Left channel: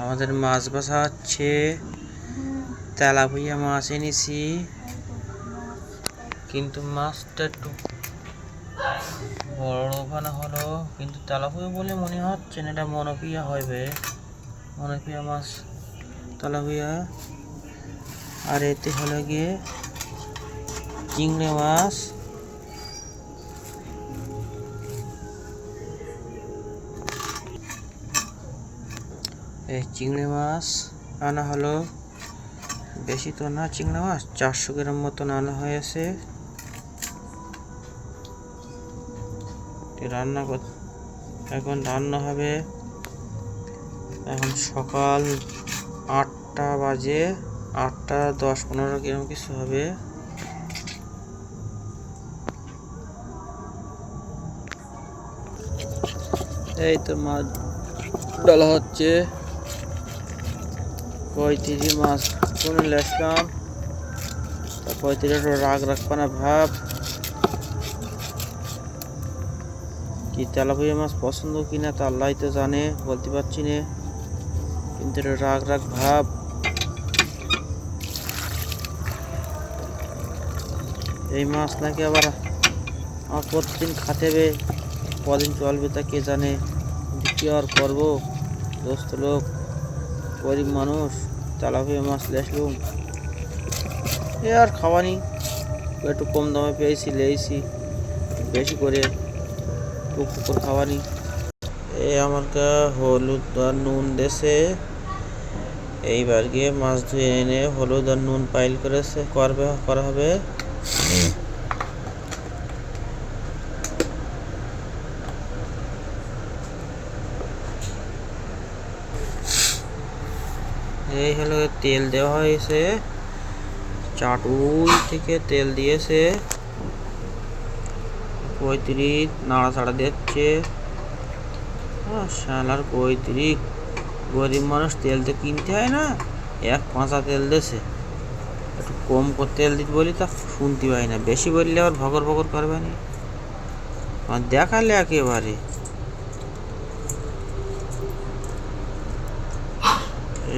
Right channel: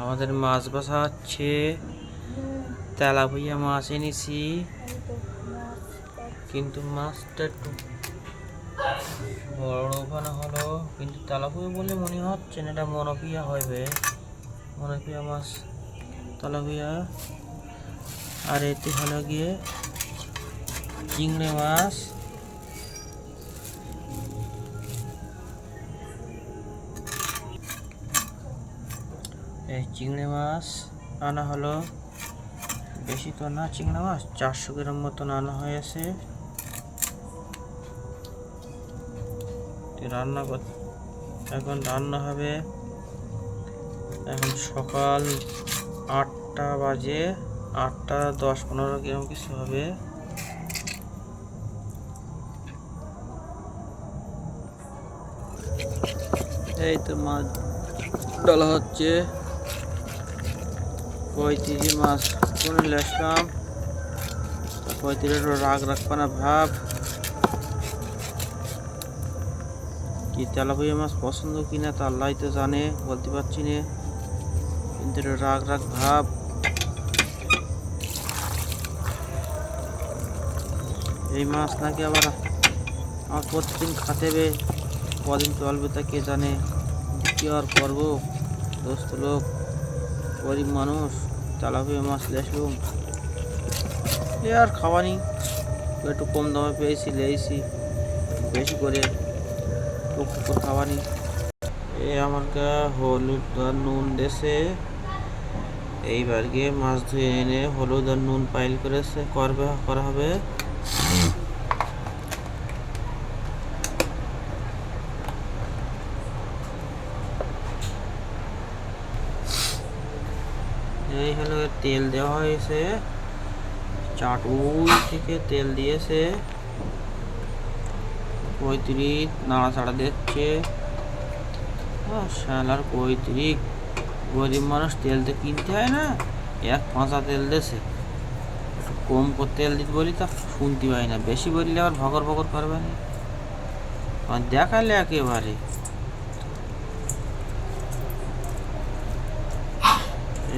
আমাদের মাছ বাছা হচ্ছে। তেলাপিয়া মাছ এনেছি, কিন্তু মাছটা একটু বড় ওখানে হলো, কিন্তু তেলাপিয়া বলে মনে হচ্ছে না, এটা মনোপিয়া হবে। মনোপিয়া মাছ তেলাপিয়া। আর এতে হলো গিয়ে চিংড়ি মাছ। এই চিংড়ি মাছ আনা হলো, বেশি তো না, চিংড়ি মাছ 400 গ্রাম মতন আনা হয়েছে। এখন রান্না হবে। এখন সকাল 8টা বাজে, 8টা 10-15 গ্রাম কিছু হবে। এই তো মাছ ডালা হচ্ছে। কৈতিরি মাছ কোন লেসলাম, কৈতিরি একটু রাগ রাখপানা ভাব। কি তেলাপিয়া মাছ পছন্দ কিনা তা আল্লাহ তো জানে, বলতে পারছি না, কিন্তু রাগ রাগ ভাব। এই মাছ নাকি আবার আমার প্রতিদিন খাতে হবে, কদিন চলবে তা কে জানে। কি আর করবো, দোস্ত লোক, গরিব মানুষ, তেলাপিয়া মাছ লেসলুম, এ আর খাওয়ানি। একটু কম দামে পেয়েছি, লেয়েছি বেশি করে টুকটুক করে খাওয়ানি। এ আমাকে হলুদ আর নুন দেশে, এইবার গিয়ে মাছ ধুয়ে এনে হলুদ আর নুন পাইল করা হবে। এই হলো তেল দেওয়া হয়েছে, চাটুই থেকে তেল দিয়েছে। কৈতিরি নাড়াচাড়া দিচ্ছে। শালার কৈতিরি, গরিব মানুষ তেল তো কিনতে হয় না, এক পাঁচা তেল দেছে। একটু কম করে তেল দিতে বলি তা শুনতে পাই না, বেশি বললে আবার ভগর ভগর করবে না, দেখালে একেবারে।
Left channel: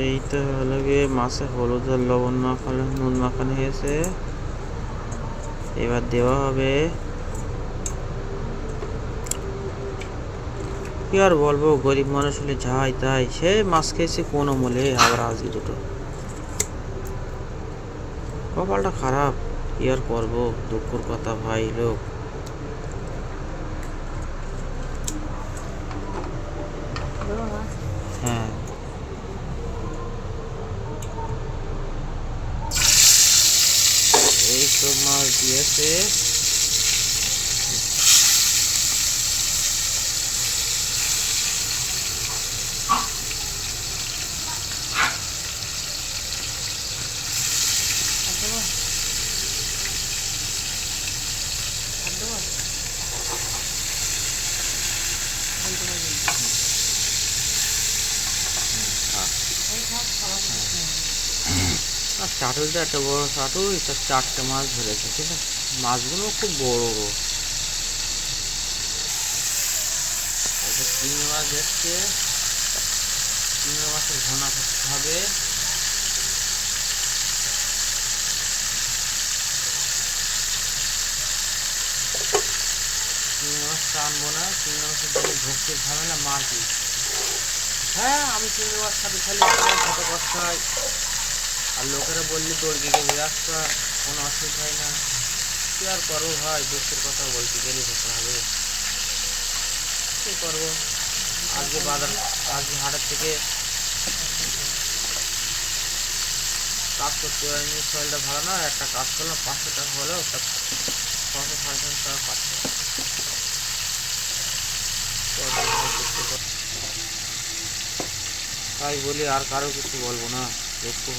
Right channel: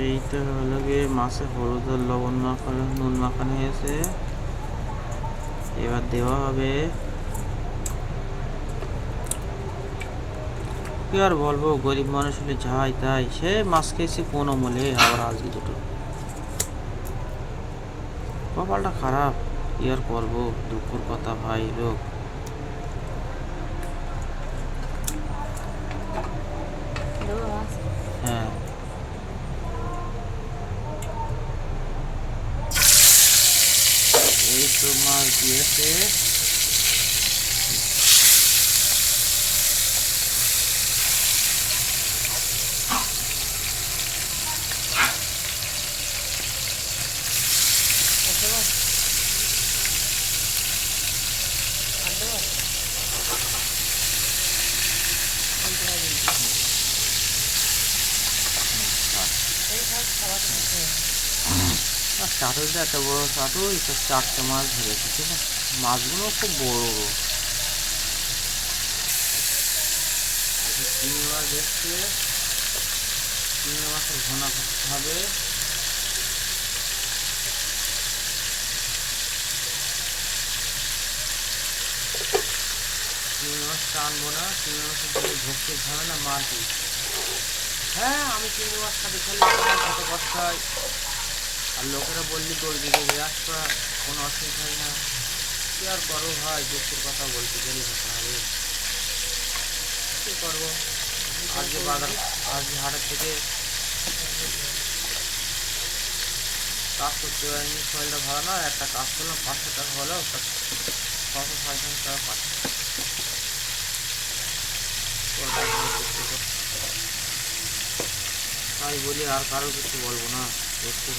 এই তো হলো গিয়ে মাছে হলুদ আর লবণ মাখানো, নুন মাখানো হয়েছে, এবার দেওয়া হবে। কি আর বলবো, গরিব মানুষ হলে যাই তাই, সে মাছ খেয়েছে কোন আমলে, আবার আজকে দুটো। কপালটা খারাপ, কি আর করবো, দুঃখের কথা ভাই লোক। হ্যাঁ, এই তো মাছ দিয়েছে। চাটুইটা একটা বড় চাটুই, তো 4টে মাছ ধরেছে, ঠিক আছে। মাছগুলো খুব বড় বড়। চিংড়ি মাছ দেখছে, চিংড়ি মাছের ঘনা করতে হবে। চিংড়ি মাছটা আনবো না, চিংড়ি মাছের জন্য ভক্তি ঝামেলা মারপিট। হ্যাঁ, আমি চিংড়ি মাছ খাতে খালি কত কষ্ট হয়, আর লোকেরা বললি তোর দিকে আসবা, কোনো অসুবিধা হয় না। কি আর করবো ভাই, দুঃখের কথা বলতে গেলে হতে হবে, কি করবো। আজকে হাটের থেকে কাজ করতে পারিনি, শরীরটা ভালো না, একটা কাজ করলাম 500 টাকা হলো, 500-500 টাকা পাচ্ছে। তাই বলি, আর কারো কিছু বলবো না, একটু